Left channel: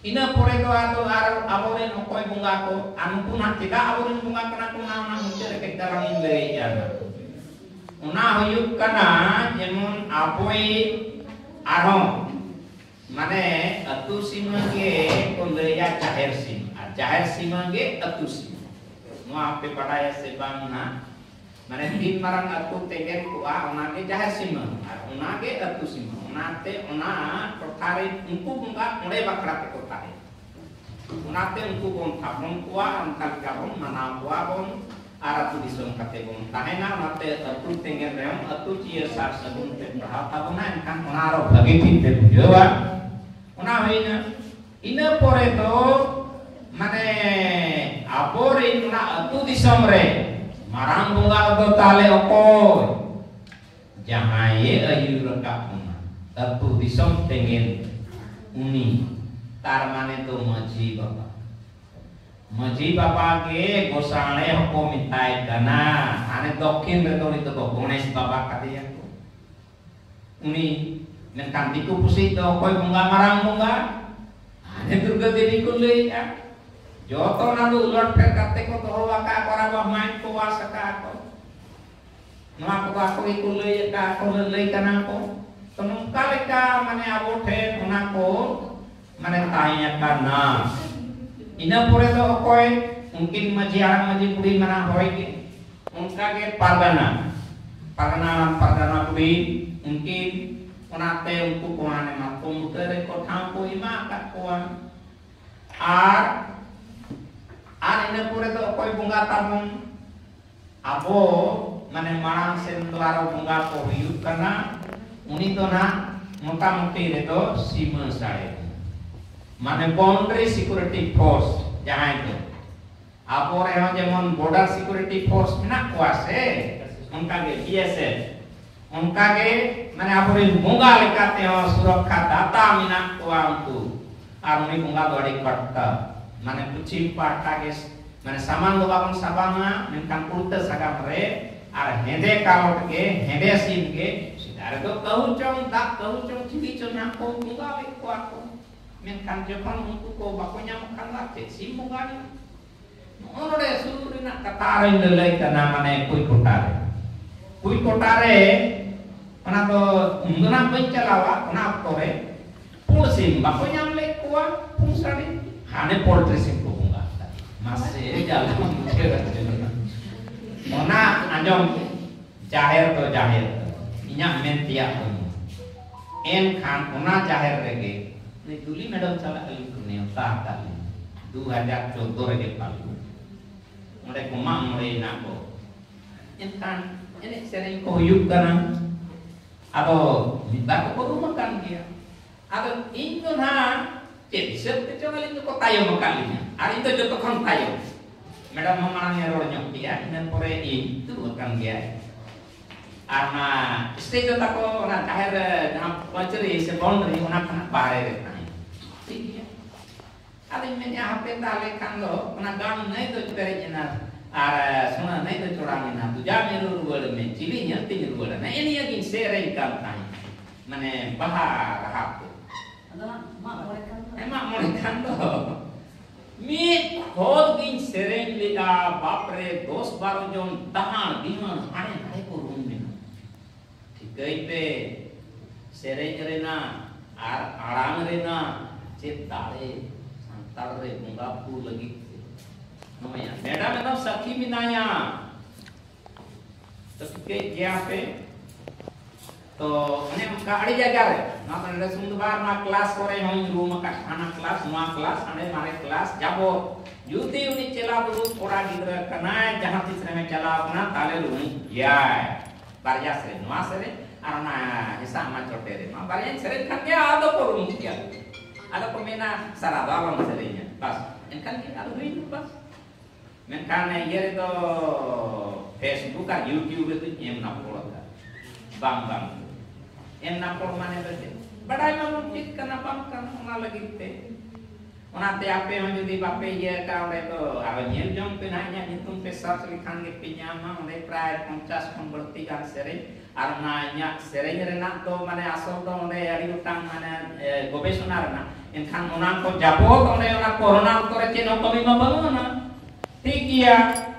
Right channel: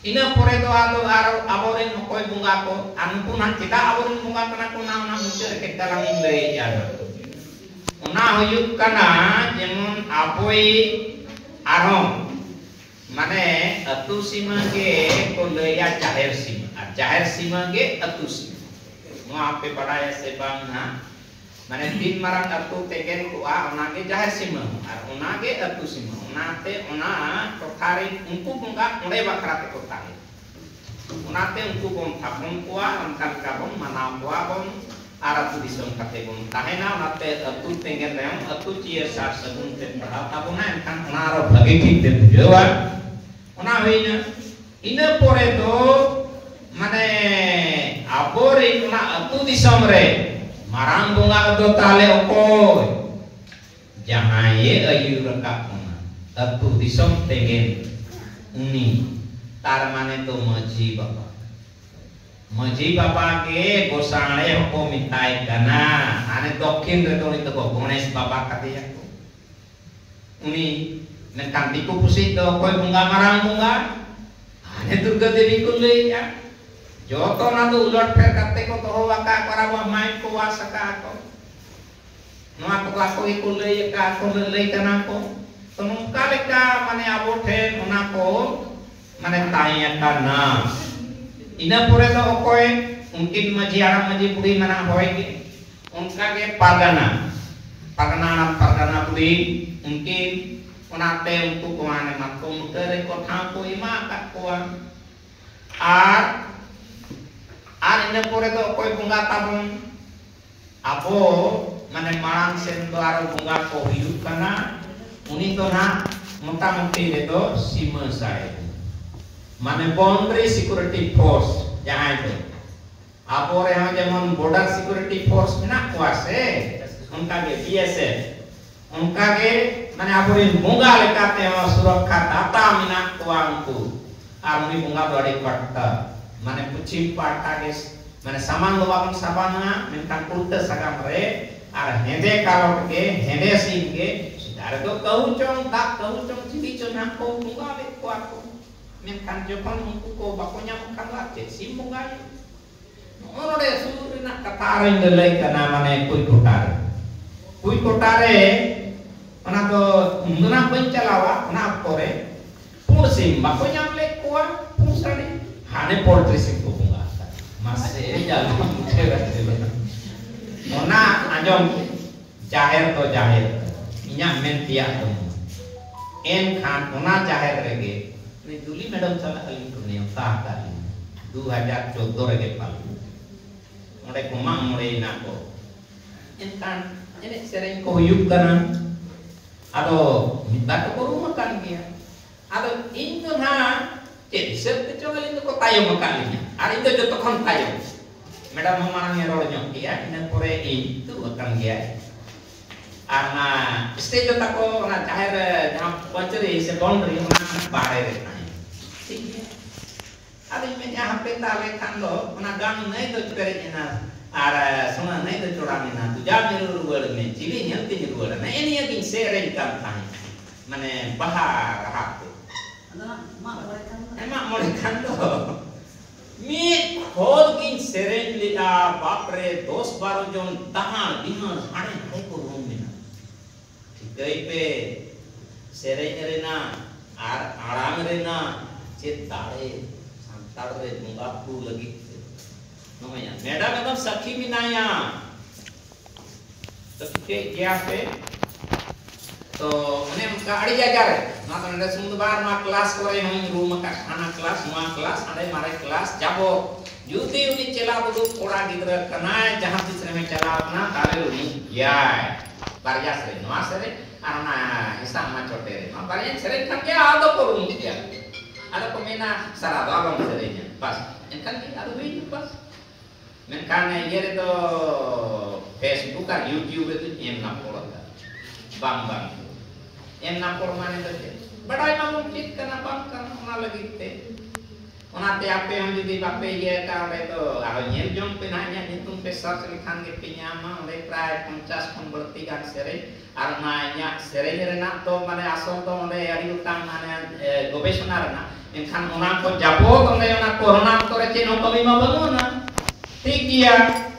ina pore do ado aboren mokoy bunga ko anu pun tidak aboren bunga kana kuna na muncul ke dalam indre ya una huyuk kana jemun apoi arong mane atu sima ge kondeya jahir sima ge atu sima no ape padaya se bangna mane tin marang atu tegen ku ona ge jahir sima ar ona ge atu sima onate ona tothari unku bunga onde bakra te kotai onate unku bon thabon kuwa onkan kabon manabwa bon aratu disong kate bon tahena onate atu tengen reom atu cia sar sabun te prahap abona enkan onaro bagi kite bujewa ona hoina ina pore to mane apore ona atu disong re marang bunga do tale okoy jahaye ayu rekap atu disong tengen uni tar mane to maji bapa ke gosane hoko mitai dana ane dokhin re to nito ko gonesh bapa kate ko uni nekan diku pusi to koy bunga marang bunga ane durga devi ko le ya joto na do ulot per kate ko to waka parawa main ko wasaka ko no ako iku le ka ko le kana ko kalika mane abote onako mane tanya kana ina pore to okoy mungkin maji arang maji budi mana hoy ke unka ke pagana budi mungkin onate untuk kumane matung tere ko thampo ima kat kuang ina pore to okoy bunga tabung abo mane marang sendo aro bunga ko hiup kana uni to na motamuti itu sima saya mane boundary security force jahan itu apore yang jangan border security force nak kuase unka ke BSF unka ke mane apore bunga lekate surakha data minak tuangku amuni bunga bari katta mane pucim parta ke mane samang babang sabana mentan kulta sagam re ar hende kalot ke hende sim ke ada tu kau cong cibi cong aku bunga le aku menkan jepang ko bakonya makan lagi sim bunga ni ono de suru nak katare ngelai kana mane kui kotare mana to ngena pencalawa na kore pusim bakonya le kuat pusari hane poultry sim ko bunga masih jalan ona anjong jahir inya men tiak en khan ona jahir rege ni duli madam sala alim kurne ta kali 2014 rege palu ngade kuma ngore nako en khan ene sereng ko yuk kana ado mitba ko rumah kan dia ado injo na cek sep te coba lindu ko tayo makalinya ari itu joto kan tayo madam mamang ero nyok dia men pore itu akan dia stage tako na jahir jam wajri se boundary mana bare re ari me ja hape tale kando na gang nei to kare ina ara sona nei to chorang ina tu ja meru ruwal me chili nyam tin ruwal na ini yakin seren kan tan mane bahar hak ana mak more kando mi khod gin seren lida bapre 10-12 jon tahan dihan hane ko room gaipe sereng rena arang rena cetare santar re bungaku lagi namanya madam itu sakhi minaya तो क्या पे तो उन्हें का अड़ी जाएगा रे ना तो नरे सुंदर मा क्लास करे हम रूम का खाना क्लास मा क्लास अरे मारे क्लास जाबो युति उनी चला दो थोड़ा गिदर कना जहां तीसरे में चला अपना ताले उनी याय बारिया से नवा से arana isa ma chotere ma barian sering kan dia ado ko dia ada pemena sarada long serenya pas kan dia ado video pas men kan ye to Facebook ka YouTube itu em na pol bang em na pol mane to badai ma mungkin kana bang kan ona lagi te ona te ape on jodi bape ye ka ole to aro nyer jong pe nanya nitung pesar selikan ge pinyama ole pray 50 konverti kan sereng arna nya sereng rena to mane asol to ole ari utang mane gobeshona rena Enkan orang ko japo kang na corona ko re cheno kami mabangona. ठीक किया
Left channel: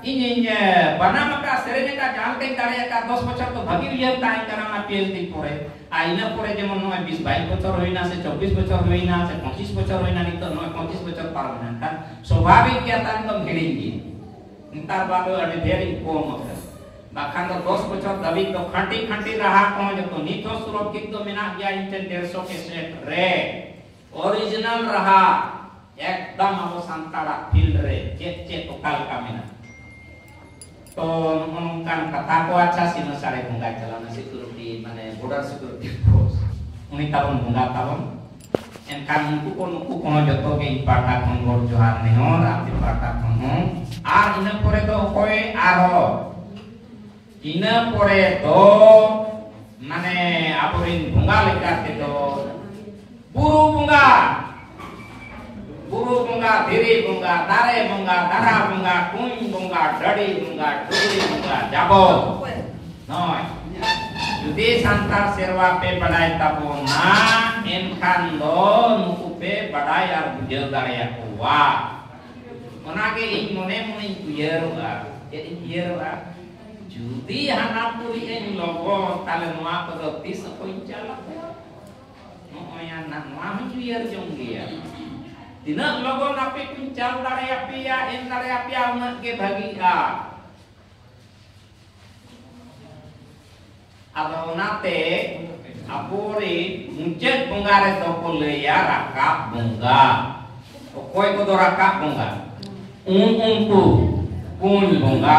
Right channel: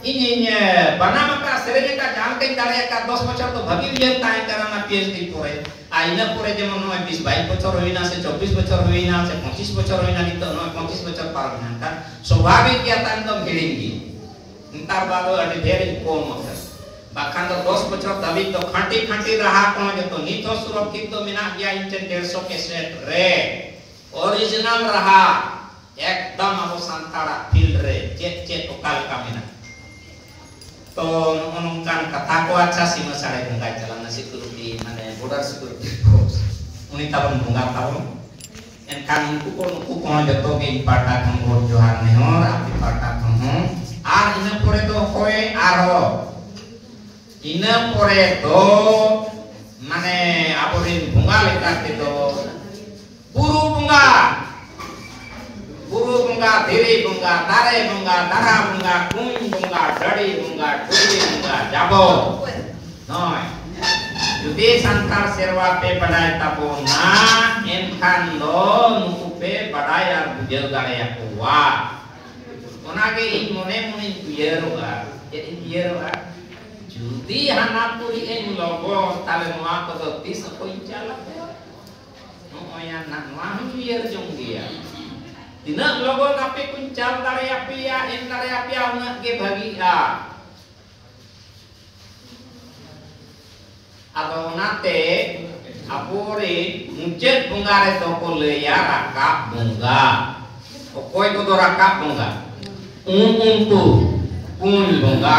इन्हें बना मका ceranae का जान के कार्य का 10 बच्चों तो भगी हुई ताई करना पीएचडी पूरे आईना पूरे जब मन में 20-22 बच्चों होइना से 24 बच्चों होइना से 25 बच्चों होइना की तो 25 बच्चों पार होना था स्वाभाविक क्या था तो घेरेंगे इंतर बालो अने भेरी कौन होता बाखान तो 10 बच्चों तभी तो खंटी रहा कौन जो तो नीतो सुरक्षित तो मिना गया इंटेंट 150 के सेट रे ओरिजिनल रहा एकदम अब संताड़ा फील्ड रे चेत ओकाल कामिना तो नongkan kata ko acha sima sare bungai jalan security mane border security force uni tabon bunga tabon enkan unku ko joto ge ipata khongor johar nehor api pata khong ar ina pore to koe aro ina pore to mane aborin bunga lekate to guru bunga Guru bunga, diri bunga, tare bunga, dara bunga, kum bunga, dadi bunga, duri bunga, jabo. Noi. Jadi santar serwa pe badai tapona, enkan lo nuku pe badai ar bujel gaya kuwa. Onage mone kuyero ga, jadi kuyero ga. Jadi hana puri en logo tale noa ko tis ko inchala. No ya nak noa kuyero jong dia. Dina logo napi kuncang dari api ya, in dari api ya nggak ke bagi ya. Atau nate apuri muncet bunga toko leya rakap bunga. Okoi kodo rakap bunga. Tu pun bunga.